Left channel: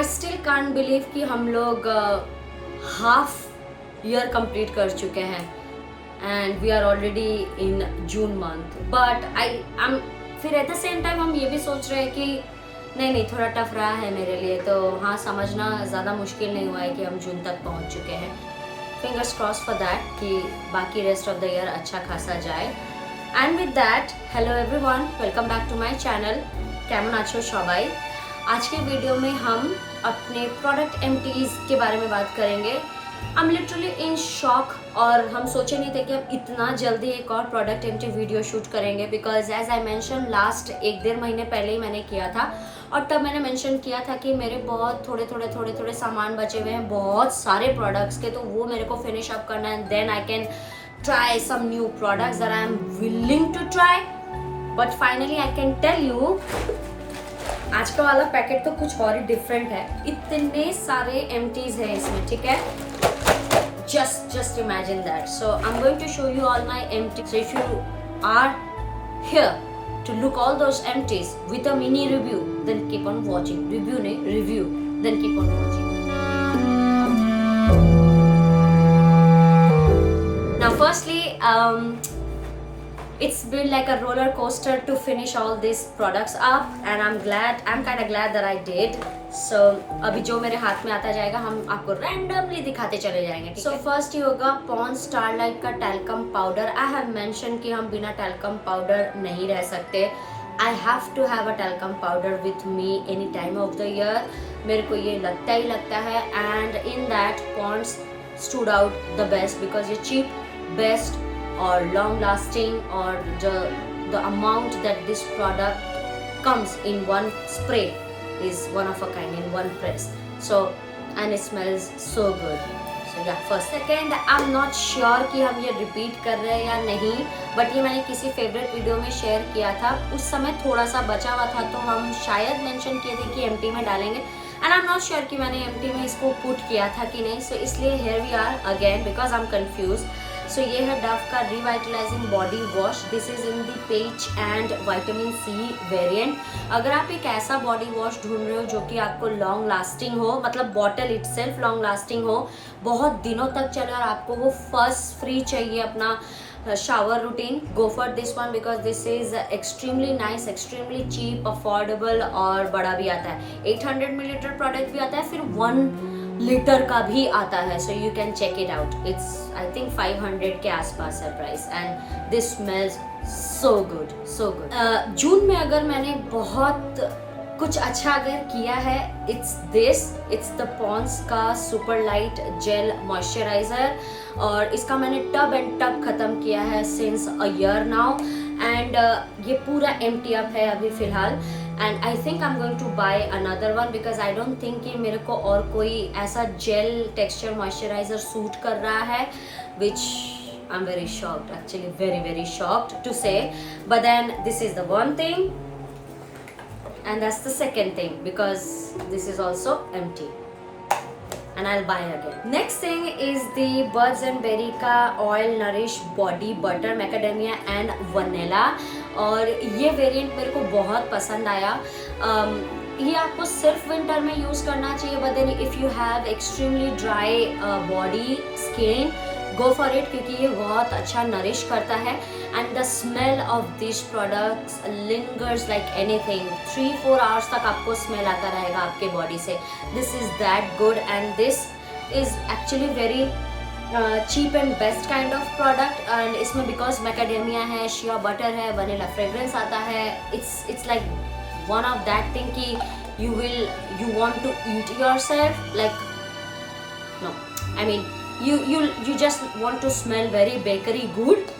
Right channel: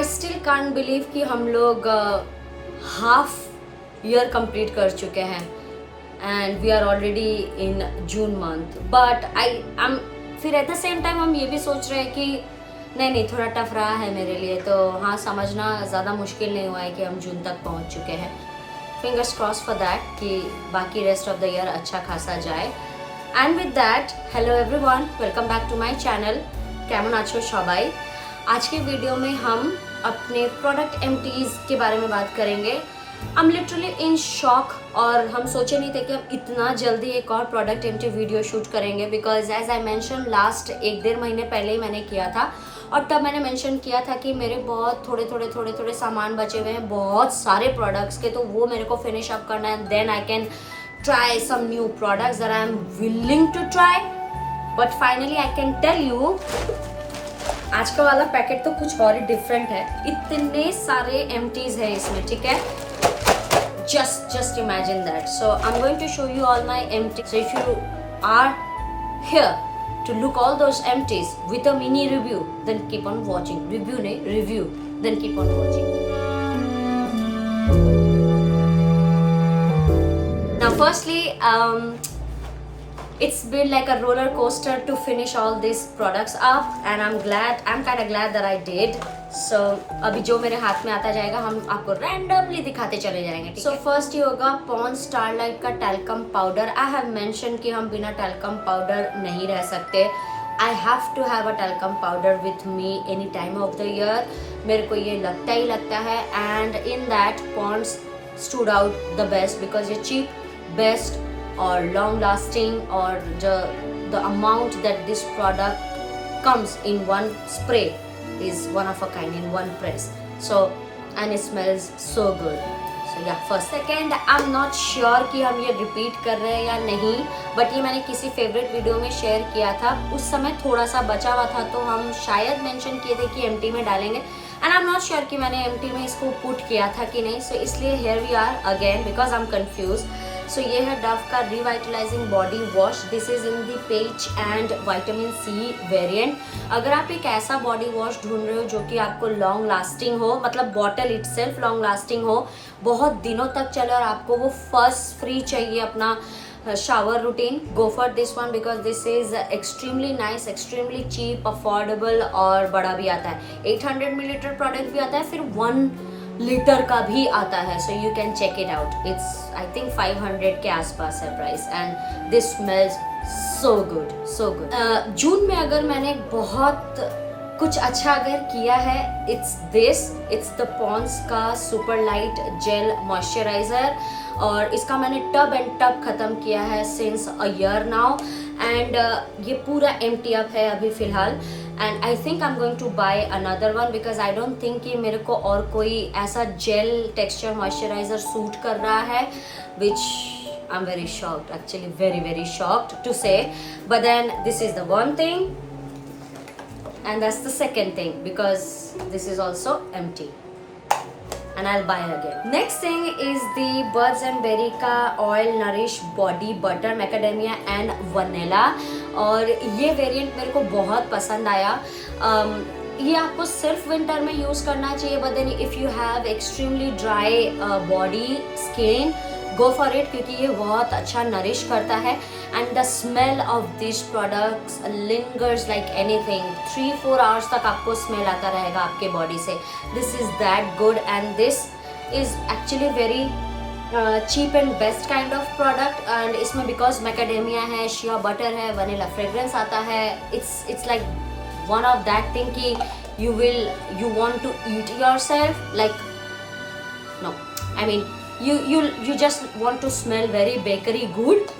I still can't believe कि हम लोग हाफ ईयर कंप्लीट कर चुके हैं and we are already in June month. But I फिर एट द सेम टाइम हम ये भी सोच रहे हैं कि नहीं थोड़ा टफ रहा है मेरे लिए, तो हाँ समझना ज़्यादा मुश्किल नहीं हुआ है कि हम जून तक पहुँच चुके हैं. फिंगर्स क्रॉस फॉर दैट कि बाकी रेस्ट ऑफ द ईयर अच्छा खासा जाए. And with that, hello everyone, welcome back to my channel. केमन आछो सबाई. आज के वीडियो में हम अपने प्रोडक्ट एम्प्टीज के बारे में बात करेंगे. I am literally in shock और हम सोचे नहीं थे कि हम इतना जल्दी एक और प्रोडक्ट एम्प्टी वीडियो शूट करेंगे, because as I mention last 1-1.5 महीने पहले ही मैंने किया था और तब मैंने मेंशन किया था कि मेरे बहुत थोड़े सामान बचे हुए हैं बहुत सारे प्रोडक्ट्स के, तो वो मेरे को फिनिश अप करना है. Then I can try some new products that I am willing to try. But finally I can tell you, आज का वाला पैकेट तो कुछ और ही डिफरेंट है. इतने सारे एम्प्टीज हैं इसमें, ठीक है. Just imagine that. So I'm going to show you all my empties. So if you are here to look all those empties with a mini review, then keep on watching. Review, then keep on watching. Now firstly, it's been like a roller coaster to finish all these products up and I'm kind of glad that I did. So अभी जो मेरे हाथ में आता जाएगा हम आपको randomly दिखाते चले जाएंगे. So first ये होगा Pond's Starlight का talcum powder. I have mentioned कि हम बिना talcum powder नहीं रह सकते. I have to have a talcum powder with me any time of the year. मेरे को ये लगता ही लगता है and in that Pond's stood out the best because ये cheap, best or long lasting, or the amount that this product comes in one spray is one of a kind, in one press. So and it smells so good. So yeah, first. Second, I'm not sure कि हम ये repeat कर रहे हैं या नहीं, but ये मैंने किसी favorite वीडियो में शेयर किया था. उस समय थोड़ा सा बचा हुआ था तो हम शायद मेंशन किए थे कि एम्प्टी में डालेंगे and I'm not sure कि मैंने एम्प्टी में इसको पुट किया था कि नहीं. So इसलिए here we are again because I'm confused. So ये है डव का revitalising body wash. This is in the peach and vitamin C variant. अगर आप एक ऐसा बॉडी वॉश ढूंढ रहे हो जो कि आपको लॉन्ग लास्टिंग हो, मतलब बॉटल इटसेल्फ लॉन्ग लास्टिंग हो, बहुत दिनों तक चले और आपको वो फर्स्ट फ्री चाहिए अपना shower routine, go for this one because this is extremely nice, extremely cheap, affordable और बड़ा भी आता है. 800 मिलीलीटर प्रोडक्ट भी आता है, फिर 1 लीटर का भी आता है. So you can check it out. It's I think 500 के आसपास है price and this smells so good. June में अगर मैंने बहुत कुछ अच्छा अगर किया है, इट्स द पॉन्ड्स का सुपर लाइट जेल मॉइस्चराइजर और इसका मैंने टब एंड टब खत्म किया है since a year now and ये पूरा एम्प्टी अप है अभी फिलहाल. And I think I am going to by another one because I don't think कि मेरे को और कोई ऐसा जेल टेक्सचर मॉइस्चराइजर सूट कर रहा है, विच I'm very shocked, actually very shocked to say. But then this is the one thing and that's the second thing because this is also empty and I'll buy again. Next thing is the Birds and Berry का Oil Nourish Body Butter Macadamia and Vanilla और ये variant मेरे को बहुत पसंद आया. ये आपको सिर्फ विंटर में यूज़ करना चाहिए, but then if you have extremely dry body skin, go for it क्योंकि ये बहुत अच्छा नरिश करता है and the smell of this products lingers like anything. 3-4 hours तक आपको स्मेल आता रहेगा आपके बॉडी से. This is that good and this is actually very cheap and best kind of product and इसमें बिकॉज मैकेडेमिया है, शिया बटर है, vanilla fragrance आता है. It's like one of that thing कि you want to eat yourself, like no, I mean you just want to smell very bakery good,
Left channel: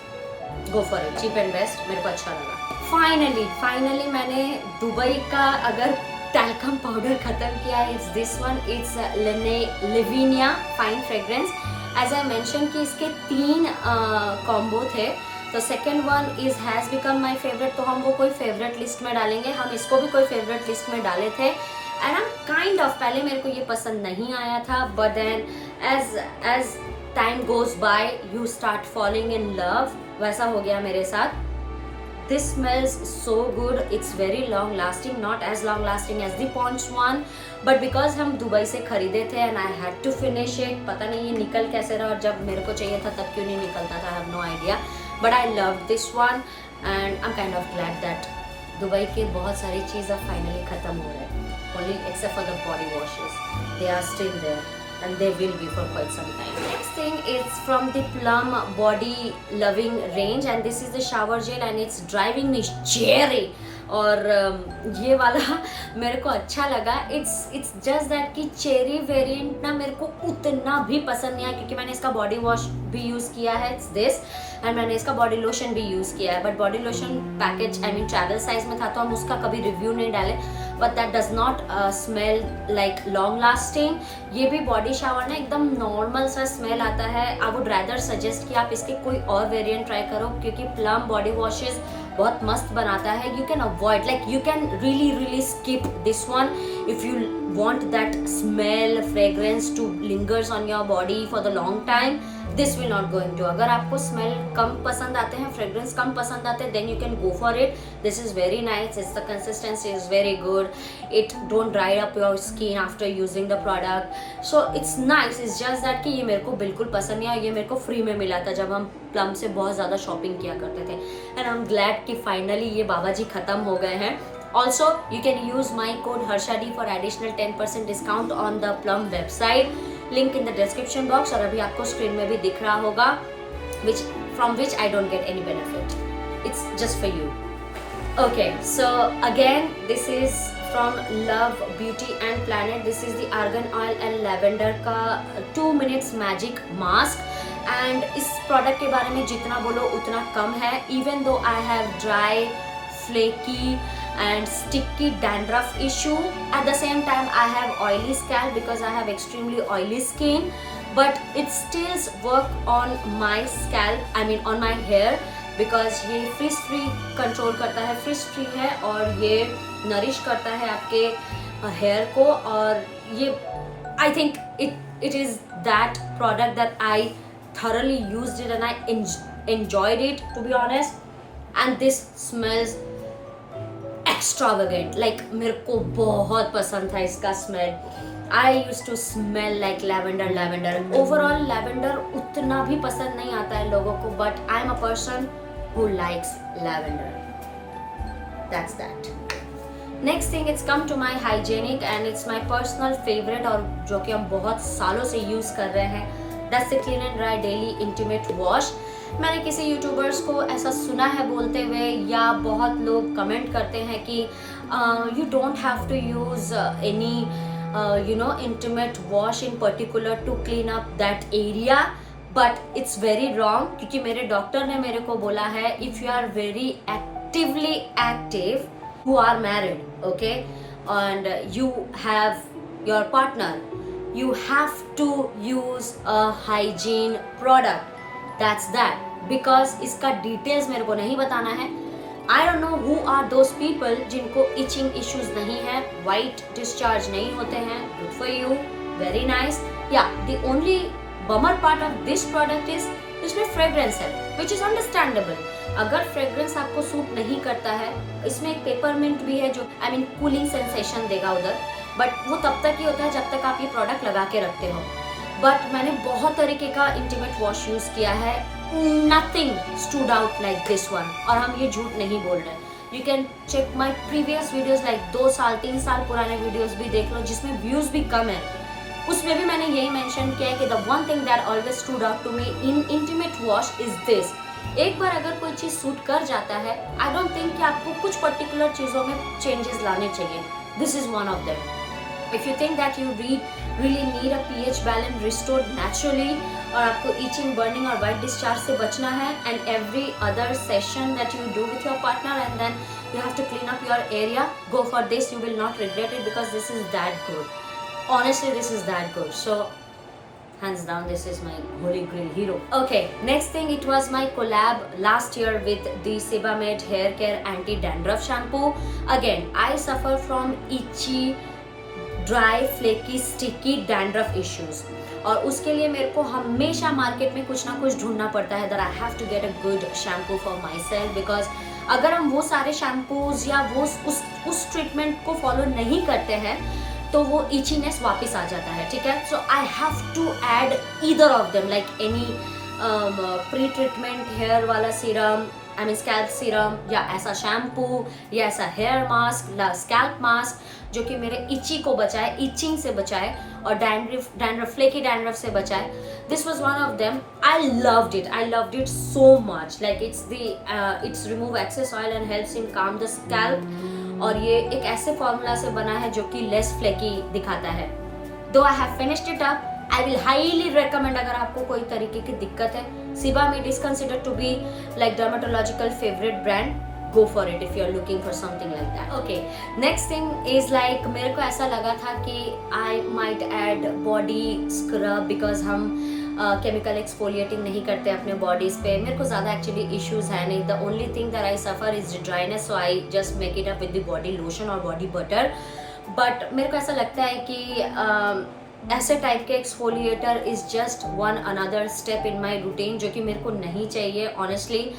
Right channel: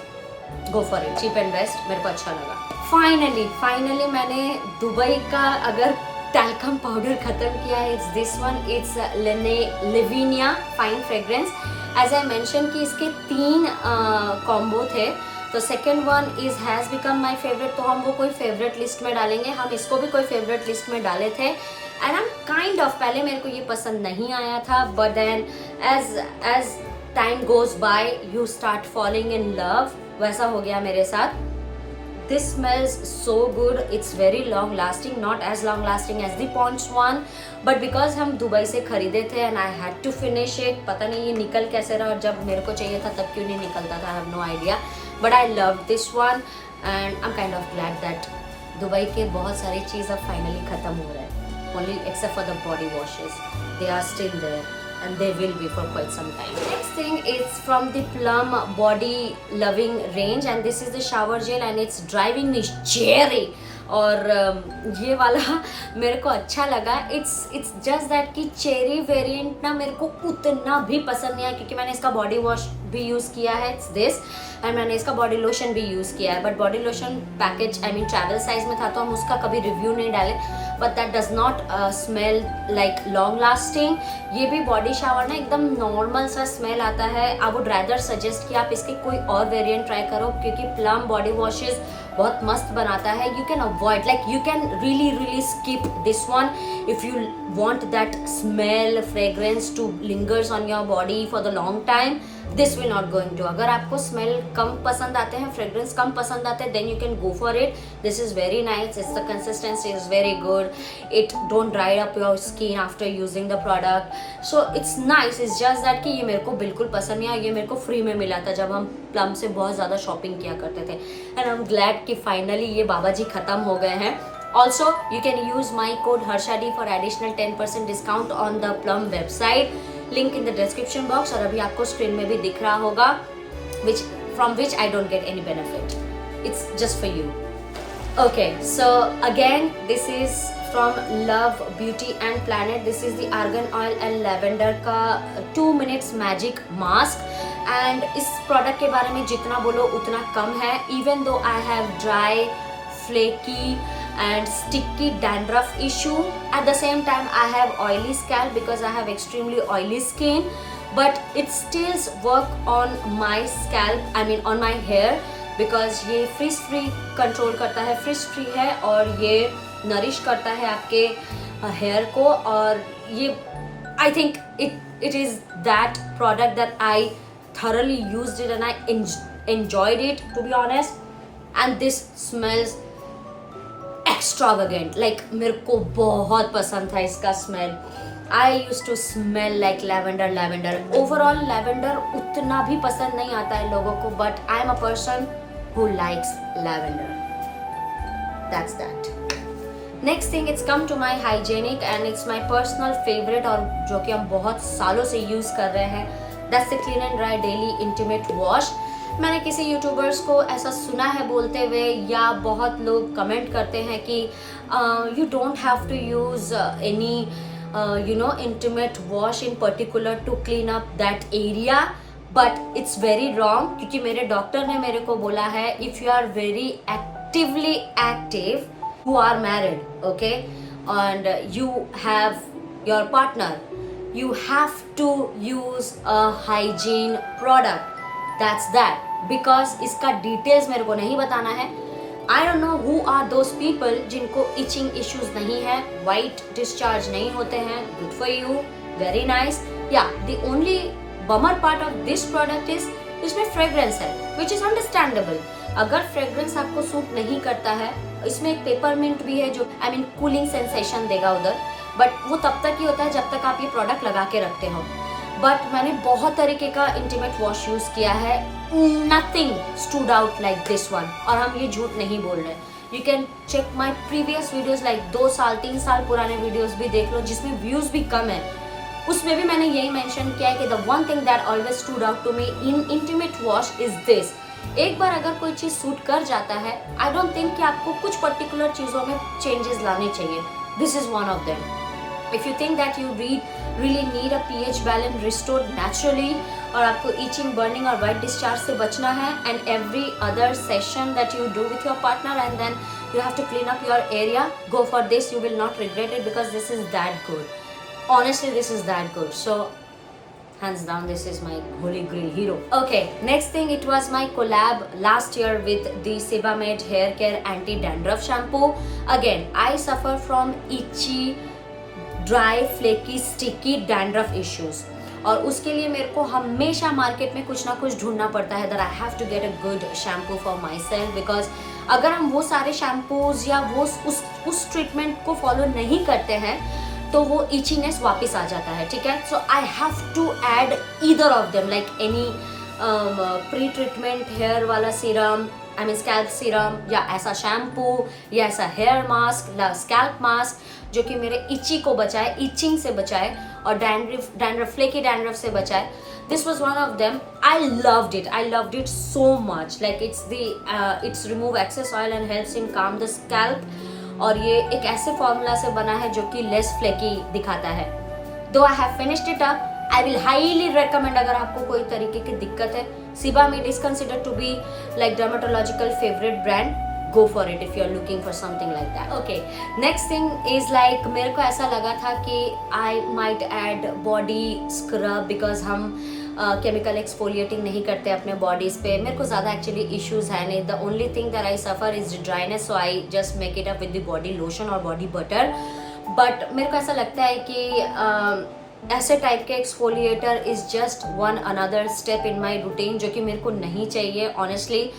go for it, cheap and best. मेरे को अच्छा लगा. Finally मैंने Dubai का अगर talcum powder खत्म किया, it's this one. It's Livinia fine fragrance. As I mention कि इसके 3 कॉम्बो थे, तो second one is has become my favourite, तो हम वो कोई फेवरेट लिस्ट में डालेंगे. हम इसको भी कोई फेवरेट लिस्ट में डाले थे and I am kind of, पहले मेरे को ये पसंद नहीं आया था but then as time goes by you start falling in love, वैसा हो गया मेरे साथ. this smells so good. It's very long lasting, not as long lasting as the Pond's one, but because हम दुबई से खरीदे थे and I had to finish it. पता नहीं ये निकल कैसे रहा, और जब मेरे को चाहिए था तब क्यों नहीं निकलता था, I have no idea. But I love this one and I'm kind of glad that Dubai के बहुत सारी चीज़ अब फाइनली ख़त्म हो रहा है. Only except for the body washes, they are still there. And they will be for quite some time. Next thing is from the Plum Body Loving range, and this is the shower gel and it's driving me cherry. और ये वाला मेरे को अच्छा लगा. It's just that कि cherry variant ना मेरे को उतना भी पसंद नहीं आया, क्योंकि मैंने इसका बॉडी वॉश भी यूज़ किया है, it's this, और मैंने इसका बॉडी लोशन भी यूज़ किया है. But body lotion package I mean travel size में था, तो हम उसका कभी रिव्यू नहीं डाले. But that does not smell like long lasting. ये भी बॉडी शावर ना एकदम नॉर्मल सा स्मेल आता है. आई वुड रैदर सजेस्ट कि आप इसके कोई और वेरिएंट ट्राई करो, क्योंकि प्लम बॉडी वॉशेस बहुत मस्त बनाता है. You can avoid, like you can really skip this one if you want that smell fragrance to lingers on your body for the long time. This will not go into. अगर आपको smell कम पसंद आते हैं, fragrance कम पसंद आते हैं, then you can go for it. This is very nice. It's the consistency is very good. It don't dry up your skin after using the product. So it's nice. It's just that कि ये मेरे को बिल्कुल पसंद नहीं आया. ये मेरे को फ्री में मिला था जब हम प्लम से बहुत ज़्यादा शॉपिंग किया करते थे. And I'm glad कि finally ये बाबा जी खत्म हो गए हैं. Also, you can use my code HARSHAD for additional 10% discount on the Plum website. Link in the description box, और अभी आपको स्क्रीन में भी दिख रहा होगा, from which I don't get any benefit. It's just for you. Okay, so again, this is from Love Beauty and Planet. This is the argan oil and lavender का 2 minutes magic mask. And इस product के बारे में जितना बोलो उतना कम है. Even though I have dry, flaky and sticky dandruff issue, at the same time I have oily scalp because I have extremely oily skin, but it still work on my scalp, I mean on my hair, because ये frizz free control करता है, frizz free है, और ये nourish करता है आपके hair को. और ये I think it is that product that I thoroughly used it and I enjoyed it, to be honest. And this smells extravagant, like मेरे को बहुत पसंद था इसका smell. I used to smell like lavender. Overall lavender उतना भी पसंद नहीं आता है लोगों को, but I am a person who likes lavender. That's that. Next thing, it's come to my hygienic and it's my personal favorite, और जो कि हम बहुत सालों से यूज कर रहे हैं. That's the Clean and Dry Daily Intimate Wash. मैंने किसी यूट्यूबर्स को ऐसा सुना है बोलते हुए, या बहुत लोग कमेंट करते हैं कि you don't have to use any intimate wash in particular to clean up that area. But it's very wrong, क्योंकि मेरे डॉक्टर ने मेरे को बोला है if you are very actively active, who are married, okay, and you have your partner, you have to use a hygiene product. That's that. Because इसका details मेरे को नहीं बताना है. I don't know who are those people जिनको itching issues नहीं है, white discharge नहीं होते हैं. Good for you, very nice. Yeah, the only bummer part of this product is इसमें fragrance है, which is understandable. अगर fragrance आपको सूट नहीं करता है, इसमें एक पेपरमिंट भी है जो I mean कूलिंग सेंसेशन देगा उधर, बट वो तब तक ही होता है जब तक आप ये प्रोडक्ट लगा के रखते हो. बट मैंने बहुत तरीके का इंटीमेट वॉश यूज किया है, nothing stood out like this one. और हम ये झूठ नहीं बोल रहे. You can check my previous videos, like 2 साल 3 साल पुराने वीडियोज भी देख लो जिसमें व्यूज भी कम है. उसमें भी मैंने यही मेंशन किया है कि the one thing that always stood out to me in intimate wash is this. एक बार अगर कोई चीज सूट कर जाता है, आई डोंट थिंक कि आपको कुछ पर्टिकुलर चीजों में चेंजेस लाने चाहिए. This is one of them. If you think that you really need a pH balance restored naturally, और आपको itching, burning और white discharge से बचना है, and every other session that you do with your partner and then you have to clean up your area, go for this. You will not regret it because this is that good. Honestly, this is that good. So hands down, this is my holy grail hero. Okay, next thing, it was my collab last year with the Sebamed Hair Care Anti-Dandruff Shampoo. Again, I suffer from itchy, dry, flaky, sticky dandruff issues, और उसके लिए मेरे को हमेशा market में कुछ ना कुछ ढूंढना पड़ता है. That I have to get a good shampoo for myself, because अगर हम वो सारे शैम्पूज या वो उस ट्रीटमेंट को फॉलो नहीं करते हैं तो वो इचीनेस वापस आ जाता है, ठीक है। So I have to add either of them, like any pre treatment hair वाला serum, I mean scalp serum, या ऐसा शैम्पू या ऐसा हेयर मास्क या स्कैल्प मास्क जो कि मेरे इची को बचाए, इचिंग से बचाए और डैंड्रफ फ्लेकी डैंड्रफ से बचाए। This was one of them. I loved it so much. Like it's remove excess oil and helps in calm the scalp. और ये एक ऐसे फॉर्मूला से बना है जो कि लेस फ्लेकी दिखाता है। Though I have finished it up, I will highly recommend अगर आपको कोई तरीके की दिक्कत है। Sebamed is considered to be like dermatological favorite brand. Go for it if you're looking for something like that. Okay, next thing is like मेरे को ऐसा लगा था कि I might add body scrub because हम केमिकल एक्सफोलिएटिंग नहीं करते अपने बॉडीज पे। मेरे को ज़्यादा एक्चुअली इश्यूज है नहीं। The only thing that I suffer is dryness, so I just make it up with the body lotion और बॉडी बटर। बट मेरे को ऐसा लगता है कि ऐसे टाइप के exfoliator is just one another step in my routine जो कि मेरे को नहीं चाहिए ऑनेस्टली।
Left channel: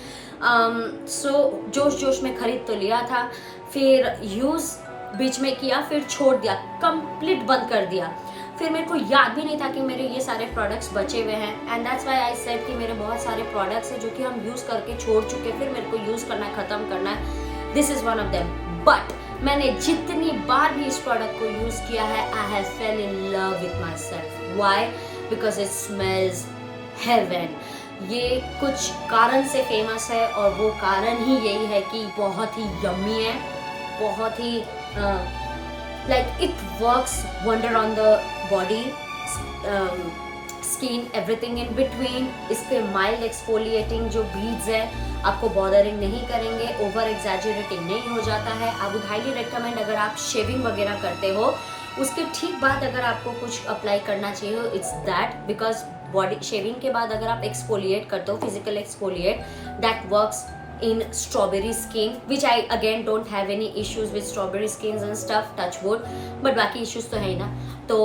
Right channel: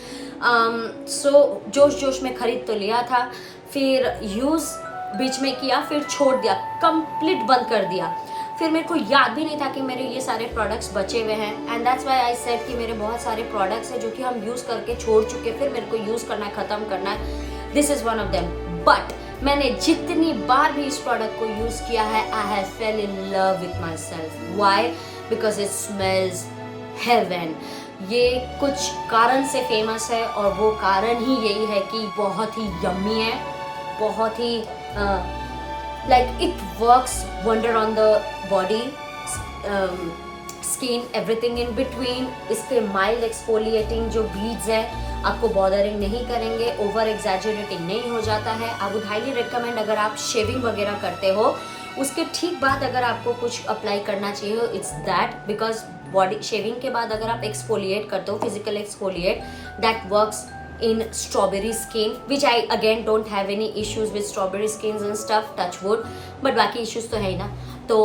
सो जोश में खरीद तो लिया था, फिर यूज़ बीच में किया, फिर छोड़ दिया, कंप्लीट बंद कर दिया। फिर मेरे को याद भी नहीं था कि मेरे ये सारे प्रोडक्ट्स बचे हुए हैं and that's why I said कि मेरे बहुत सारे प्रोडक्ट्स हैं जो कि हम यूज़ करके छोड़ चुके, फिर मेरे को यूज़ करना है, ख़त्म करना है। This is one of them. But मैंने जितनी बार भी इस प्रोडक्ट को यूज़ किया है, I have fell in love with myself. Why? Because it smells heaven. ये कुछ कारण से फेमस है और वो कारण ही यही है कि बहुत ही यम्मी है, बहुत ही like it works wonder on the body, skin, everything in between. इसके mild exfoliating जो beads है आपको bothering नहीं करेंगे, over exaggerating नहीं हो जाता है। I would highly recommend अगर आप shaving वगैरह करते हो उसके ठीक बाद अगर आपको कुछ अप्लाई करना चाहिए हो, it's that, because body shaving के बाद अगर आप exfoliate करते हो, physical exfoliate, that works in strawberry skin, which I again don't have any issues with strawberry skins and stuff, touch wood, but बाकी issues तो है ही ना, तो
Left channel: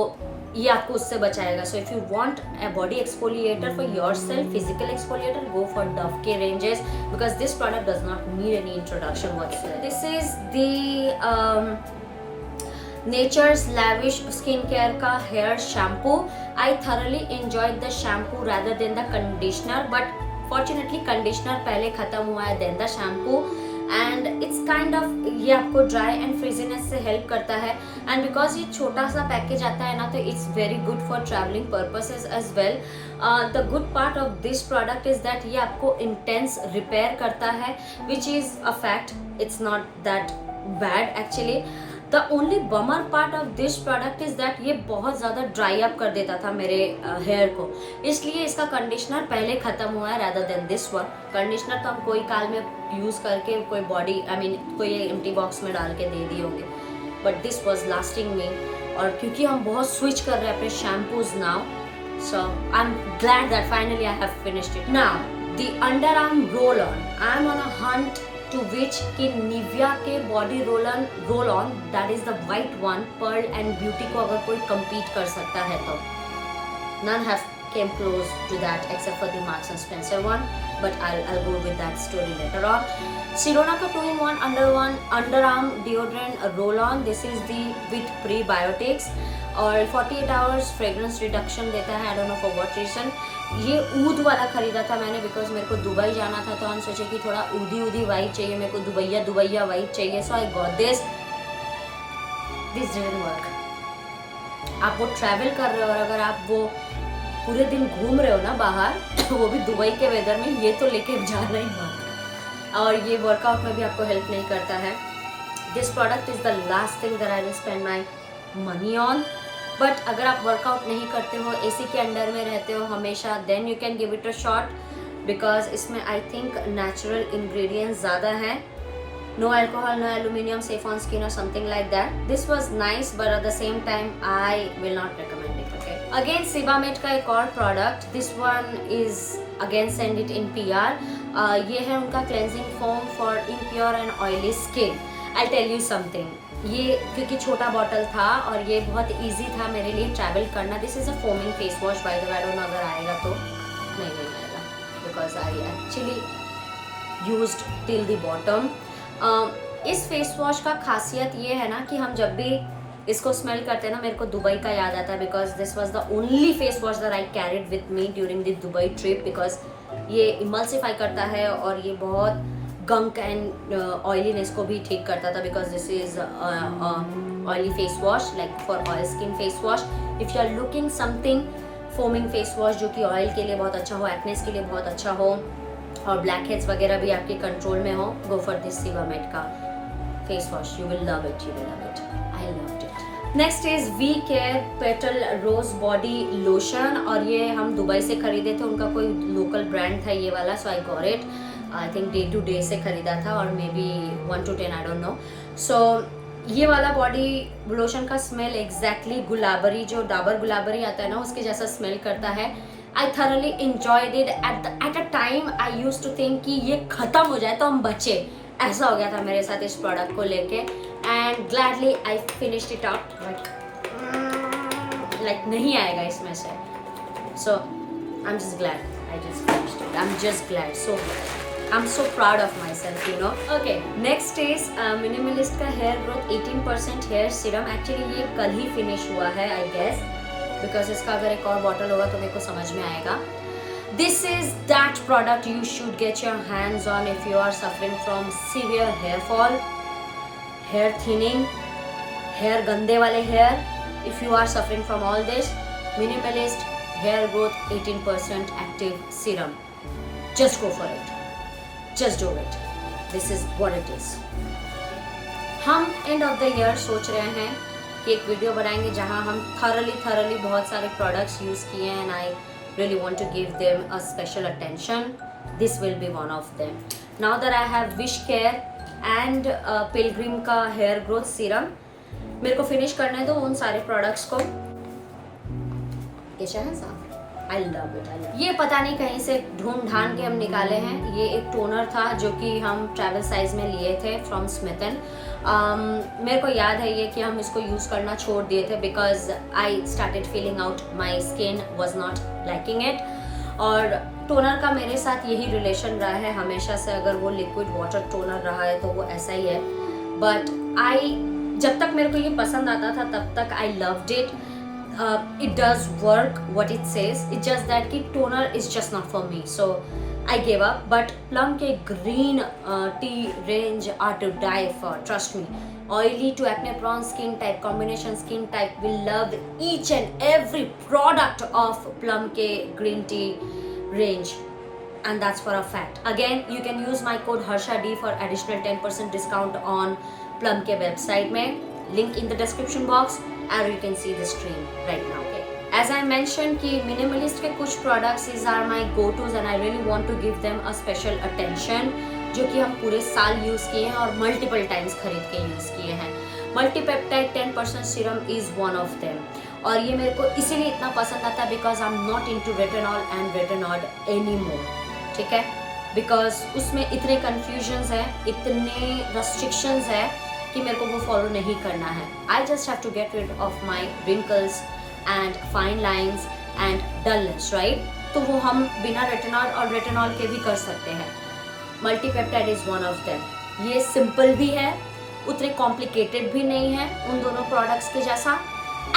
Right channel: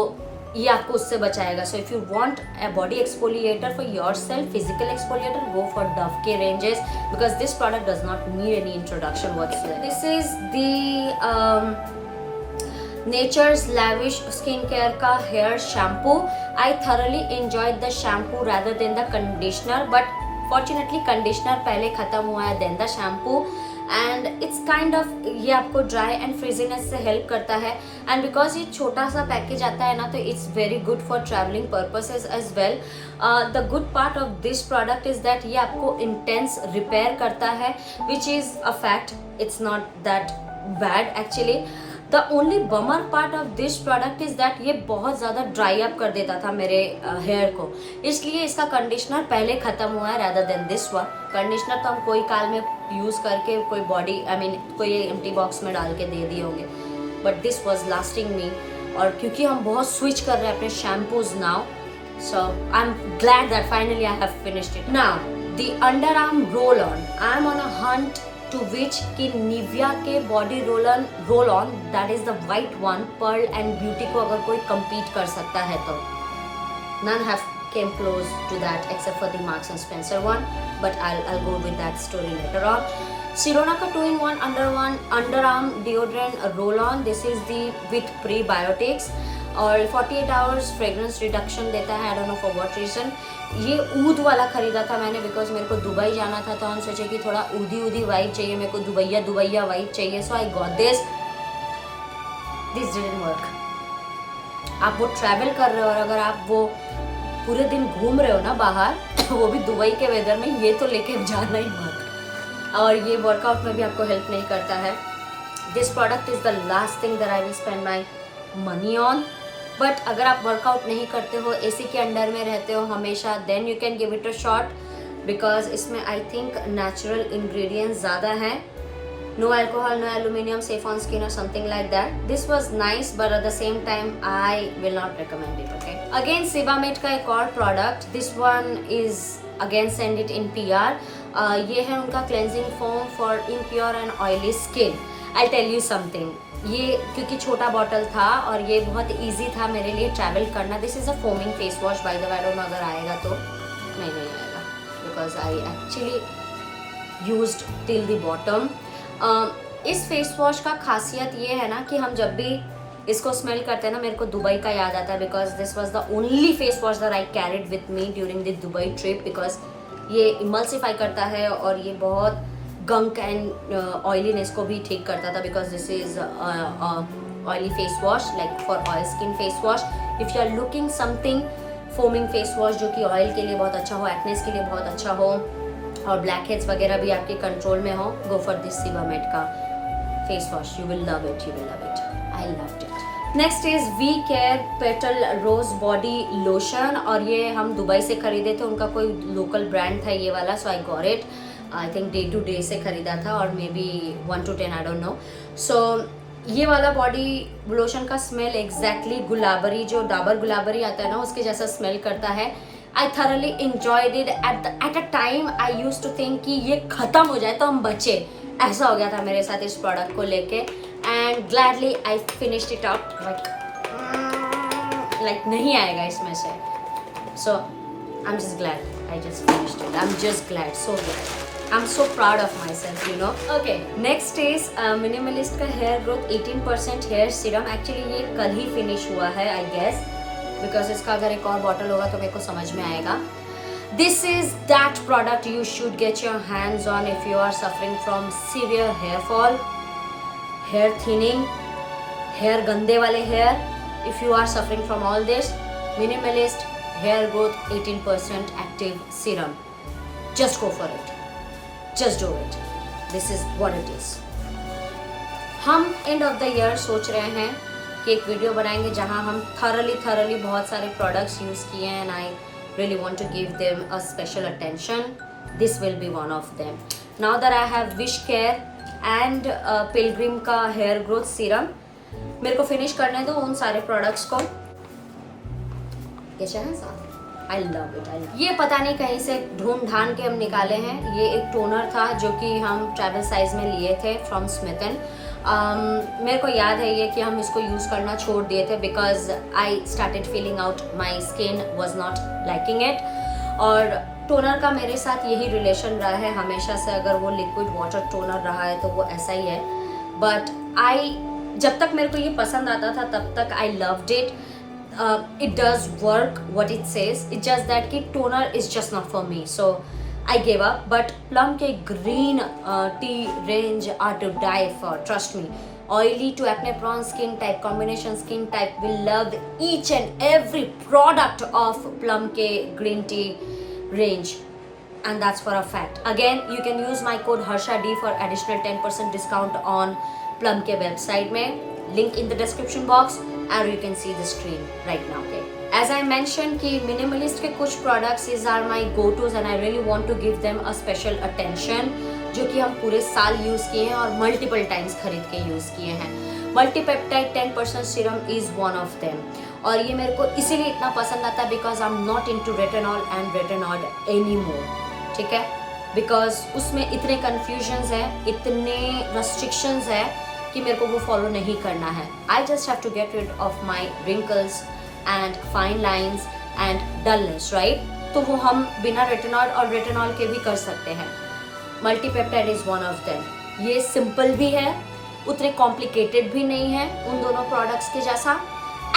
ये आपको उससे बचाएगा। So if you want a body exfoliator for yourself, physical exfoliator, go for Dove के ranges because this product does not need any introduction whatsoever. This is the Nature's Lavish Skincare का hair shampoo. I thoroughly enjoyed the shampoo rather than the conditioner, but fortunately conditioner पहले ख़त्म हुआ है then the shampoo and it's kind of ये आपको dry and frizziness से help करता है एंड बिकॉज ये छोटा सा पैकेज आता है ना तो it's very good for travelling purposes as well. The good part of this product is that ये आपको इंटेंस रिपेयर करता है which is a fact, it's not that bad actually. The only bummer part of this product is that ये बहुत ज़्यादा dry up कर देता था मेरे हेयर को, इसलिए इसका कंडीशनर पहले ख़त्म हुआ है rather than this one. Conditioner तो हम कोई काल में यूज़ करके कोई बॉडी कोई एम्प्टी बॉक्स में डाल के दे दिए होंगे, बट दिस वॉज लास्टिंग मी। और क्योंकि हम बहुत स्विच कर रहे हैं अपने shampoos now, so I am glad that finally I have finished it. Now the under arm roll on, I am on a Hunt to which कि निविया के body roll on that is the white one, Perl and beauty को अगर कोई compete कर सकता है तो none have came close to that except for the Marks and Spencer one, but I'll go with that story later on. Sirona का 2-in-1 underarm deodorant roll on. This is the with prebiotics और 48 hours fragrance reduction देता है। I don't know for what reason. ये ऊद वाला खरीदा था मैंने बिकॉज मेरे को दुबई जाना था तो हम सोचे कि थोड़ा ऊदी वाइब चाहिए, मेरे को दुबैया वाइब चाहिए, so I got this didn't work. आप वो ट्रैवल कर रहे हो और अगर आप वो पूरे दिन घूम रहे हो ना बाहर वो भी दुबई के वेदर में, ये तो लेके जाना ही मत। और ये वर्कआउट में भी आपको हेल्प नहीं करता है। This product is the last thing that I will spend my money on. But अगर आप वर्कआउट नहीं करते हो, एसी के अंडर में रहते हो हमेशा, then you can give it a shot because इसमें आई थिंक नेचुरल इंग्रेडिएंट्स ज़्यादा हैं। No alcohol, no aluminium, safe on skin और something like that. This was nice but at the same time I will not recommend it. Okay, again Sebamed का एक और product, this one is again sent it in PR। ये है उनका cleansing foam for impure and oily skin. I tell you something, ये क्योंकि छोटा bottle था और ये बहुत इजी था मेरे लिए ट्रैवल करना। This is a foaming face wash by the way, I don't no अगर आएगा तो नहीं आएगा because I actually used till the bottom. इस फेस वॉश का खासियत ये है ना कि हम जब भी इसको स्मेल करते हैं ना, मेरे को दुबई का याद आता है, because this was the only face wash that I carried with me during the Dubai trip, because ये इमल्सिफाई करता है और ये बहुत गंक एंड ऑयलीनेस को भी ठीक करता था, because this is oily face wash, like for oil skin face wash. If you are looking something foaming face wash जो कि ऑयल के लिए बहुत अच्छा हो, एक्नेस के लिए बहुत अच्छा हो और ब्लैक हेड्स वगैरह भी आपके कंट्रोल में हो, गो फॉर दिस सीबामेड का face wash. You will love it, you will love it. I loved it. Next is V care petal rose body lotion, और ये हम दुबई से खरीदे थे, उनका कोई लोकल ब्रांड था ये वाला, so I got it. I think day to day से खरीदा था और maybe 1 to 10, I don't know. So ये वाला बॉडी लोशन का स्मेल एग्जैक्टली गुलाबरी, जो डाबर गुलाबरी आता है ना, उसके जैसा स्मेल करता है. I thoroughly enjoyed it. At a time I use to think कि ये खत्म हो जाए तो हम बचे, ऐसा हो गया था मेरे साथ इस प्रोडक्ट को लेके. And gladly I finished it up, like नहीं आएगा इसमें से. So I am just glad I just finished it. I am just glad, so glad. I'm so proud of myself, you know. Okay, next is Minimalist का hair growth 18% hair serum. Actually ये कल ही finish हुआ है, I guess, because इसका अगर एक और bottle होगा तो मेरे को समझ में आएगा. This is that product you should get your hands on if you are suffering from severe hair fall, hair thinning, hair गंदे वाले hair. If you are suffering from all this, Minimalist hair growth 18% active serum. Just go for it. Just do it. This is what it is. हम and of the year सोच रहे हैं कि एक video बनाएंगे जहां हम थरली बहुत सारे प्रोडक्ट्स यूज किए हैं, and I really want to give them a special attention. This will be one of them. Now that I have wish care and Pilgrim का हेयर ग्रोथ सीरम, मेरे को फिनिश करने दो उन सारे प्रोडक्ट्स को. ये चाहे साथ I love it. ये पता नहीं कहीं से ढूंढ ढांड के हम निकाले हैं. ये एक टोनर था जो कि हम ट्रैवल साइज में लिए थे फ्रॉम स्मिथन. मेरे को याद है ये कि हम इसको यूज़ करना छोड़ दिए थे because I started feeling out, my skin was not liking it. और टोनर का मेरे साथ यही रिलेशन रहा है हमेशा से. अगर वो लिक्विड वाटर टोनर रहा है तो वो ऐसा ही है. बट जब तक मेरे को ये पसंद आता था तब तक आई loved it. It does work what it says. It's just that कि toner is just not for me, so I gave up. But Plum के green tea range are to die for. Trust me. Oily to acne prone skin type, combination skin type will love each and every product of Plum के green tea range, and that's for a fact. Again, you can use my code HARSHAD for additional 10% discount on Plum के website में. Link in the description box. And you can see the screen right now. Okay. As I mentioned कि Minimalist के कुछ products these are my go-tos and I really want to give them a special attention, जो कि हम पूरे साल use किए हैं और multiple times खरीद के यूज़ किए हैं. Multipeptide 10% serum is one of them. और ये मेरे को इसीलिए इतना पसंद आता है because I'm not into retinol and retinol anymore. ठीक है? Because उसमें इतने confusions हैं, इतने restrictions हैं कि मेरे को वो फॉलो नहीं करना है. I just have to get rid of my wrinkles and fine lines and dullness, right? तो वो हम बिना रेटिनॉल और रेटिनॉल के भी कर सकते हैं. मल्टीपेप्टाइड इज वन ऑफ देम. ये सिंपल भी है, उतने कॉम्प्लिकेटेड भी नहीं है उन दोनों प्रोडक्ट्स के जैसा.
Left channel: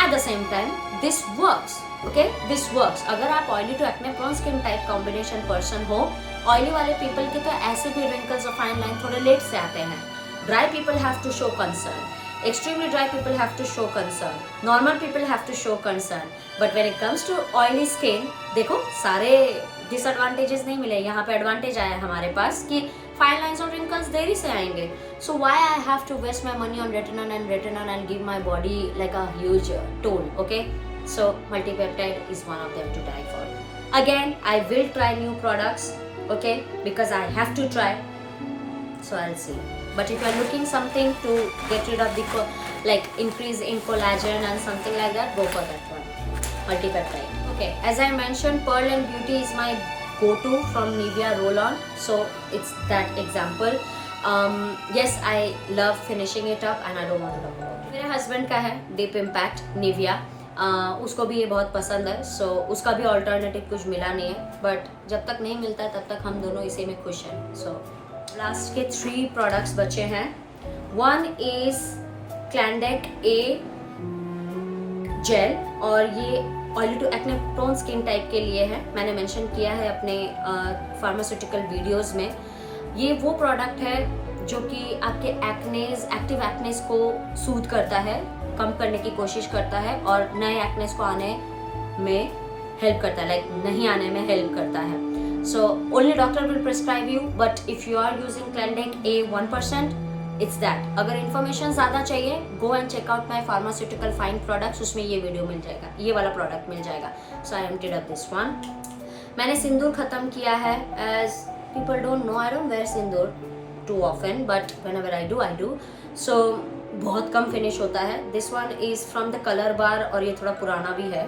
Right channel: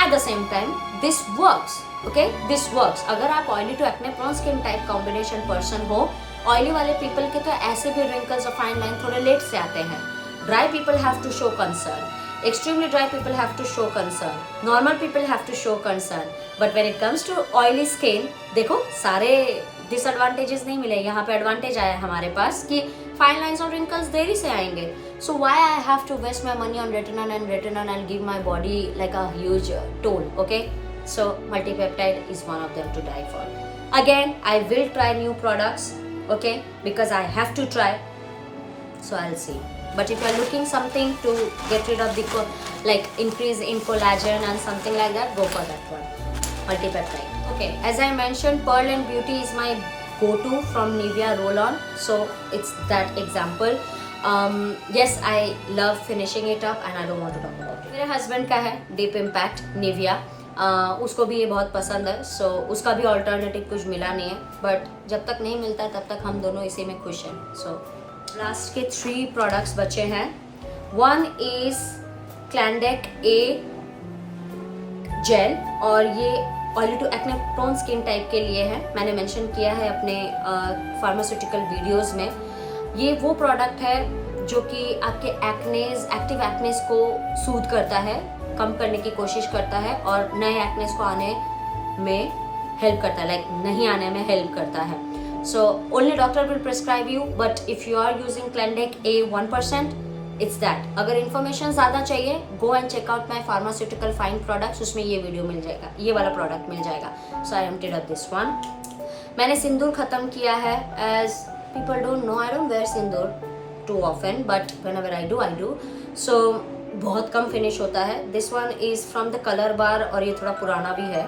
At the same time this works. Okay, this works. अगर आप oily to acne prone skin type combination person हो, ऑयली वाले पीपल के तो ऐसे भी रिंकल्स और फाइन लाइन थोड़े लेट से आते हैं. Dry people have to show concern. Extremely dry people have to show concern. Normal people have to show concern. But when it comes to oily skin, देखो सारे disadvantages नहीं मिले. यहाँ पे advantage आया हमारे पास कि fine lines और wrinkles देरी से आएंगे. So why I have to waste my money on retinol and give my body like a huge toll, okay? So multipeptide is one of them to die for. Again, I will try new products, okay? Because I have to try. So I'll see. But if you are looking something to get rid of the like increase in collagen and something like that, go for that one. Multipeptide. Okay, as I mentioned, Pearl and Beauty is my go-to from Nivea Roll-On. So it's that example. Yes, I love finishing it up and I don't want to talk about it. मेरे husband का है Deep Impact Nivea. उसको भी ये बहुत पसंद है. So उसका भी alternative कुछ मिला नहीं है. But जब तक नहीं मिलता है तब तक हम दोनों इसी में खुश हैं. So लास्ट के 3 प्रोडक्ट्स बचे हैं. One is Clindac A gel और ये oily to acne prone skin type के लिए है. मैंने मेंशन किया है अपने फार्मास्यूटिकल वीडियोस में. ये वो प्रोडक्ट है जो कि आपके एक्टिव एक्नेस को सूद करता है, कम करने की कोशिश करता है और नए एक्नेस को आने में हेल्प करता है, लाइक नहीं आने में हेल्प करता है. So only doctor will prescribe you, but if you are using Clindac A 1%, it's that. अगर इन्फॉर्मेशन ज़्यादा चाहिए, go and check out my pharmaceutical fine products. उसमें ये वीडियो मिल जाएगा, ये वाला प्रोडक्ट मिल जाएगा. So I emptied up this one. मैंने सिंदूर ख़त्म किया है. As people don't know, I don't wear sindoor too often, but whenever I do. So बहुत कम फिनिश होता है. This one is from the colour bar और ये थोड़ा पुराना भी है.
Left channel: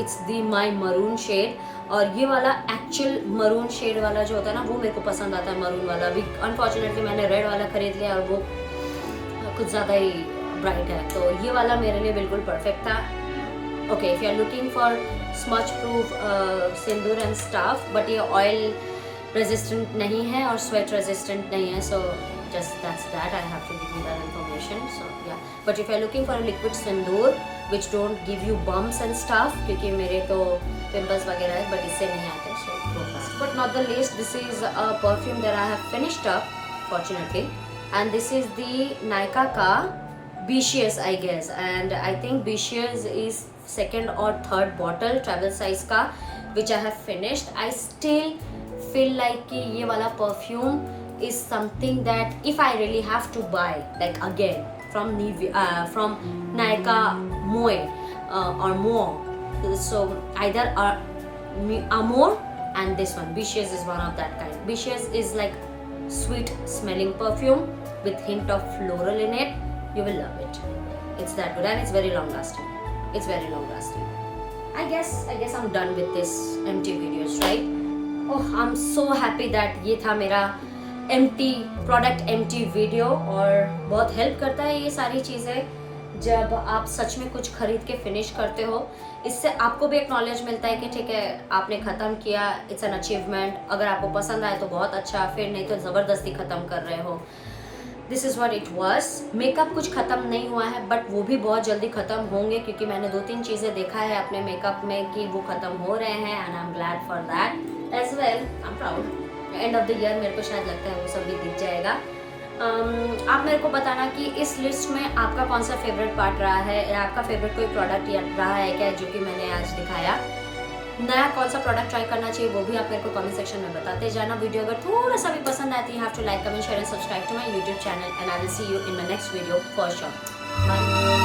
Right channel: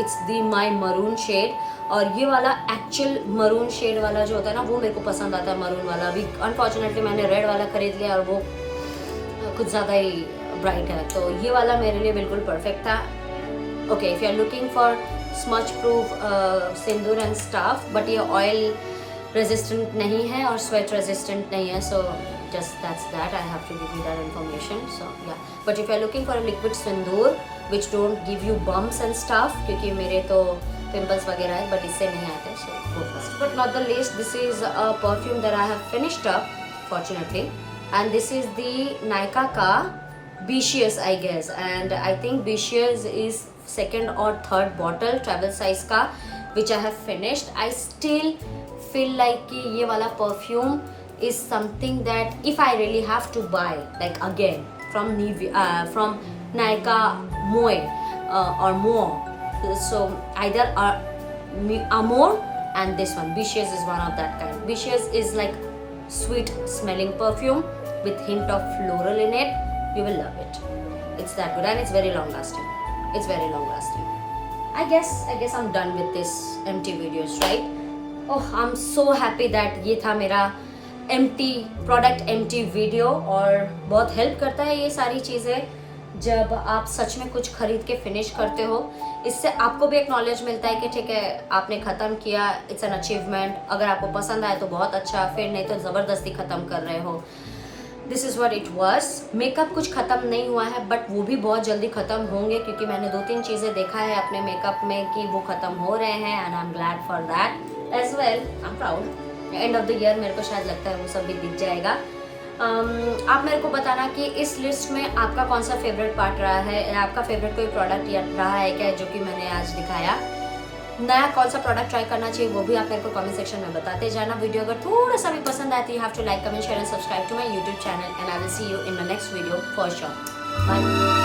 It's the my maroon shade और ये वाला एक्चुअल मरून शेड वाला जो होता है ना, वो मेरे को पसंद आता है. मरून वाला भी अनफॉर्चुनेटली मैंने रेड वाला खरीद लिया और वो कुछ ज़्यादा ही ब्राइट है. तो ये वाला मेरे लिए बिल्कुल परफेक्ट था. Okay, if you are looking for smudge proof sindoor and stuff, but ये ऑयल रेजिस्टेंट नहीं है और स्वेट रेजिस्टेंट नहीं है. सो just that's that, I have to give you that information. So yeah, but if you're looking for a liquid sindoor which don't give you bumps and stuff, क्योंकि मेरे तो pimples वगैरह है but इससे नहीं आते, so go first. But not the least, this is a perfume that I have finished up fortunately, and this is the Nykaa का Beaches I guess, and I think Beaches is second or third bottle travel size का which I have finished. I still feel like कि ये वाला perfume is something that if I really have to buy, like again from Nykaa Moe or More, so either Amore and this one Beaches is one of that kind. Beaches is like sweet smelling perfume with hint of floral in it. You will love it. It's that good and it's very long lasting. It's very long lasting. I guess I'm done with this empty videos, right? Oh, I'm so happy that ये था मेरा product empty video. और बहुत help करता है ये सारी चीज़ें जब आप सच में कुछ खरीद के फिनिश करते हो. इससे आपको भी एक नॉलेज मिलता है कि ठीक है आपने ख़त्म किया, इट्स एन अचीवमेंट. अगर आपको पसंद आए तो बहुत अच्छा, फिर नहीं तो ज़बरदस्ती ख़त्म कर रहे हो. This is what it was. Makeup कुछ ख़त्म नहीं हुआ है बट वो भी बहुत जल्दी ख़त्म होंगे क्योंकि मैंने 2-3 चीज़ें देखा है अपने मेकअप में कि वो ख़त्म हो रहे हैं and I am glad for that as well. I am proud. End of the year मेरे को शायद लगता है वो सब भी दिख जाएगा. आप मेरे को बताना कि इस लिस्ट में आपका कौन सा फेवरेट पार्ट रहा है, या आपका फेवरेट कोई प्रोडक्ट रहा है क्या जो कि मैंने आज दिखाया. नया कौन सा प्रोडक्ट ट्राई करना चाहिए वो भी आप मेरे को कमेंट सेक्शन में बताते जाना. वीडियो अगर थोड़ा सा भी पसंद आती है, you have to like, comment, share and subscribe to my YouTube channel and I will see you in my next video for sure. Bye.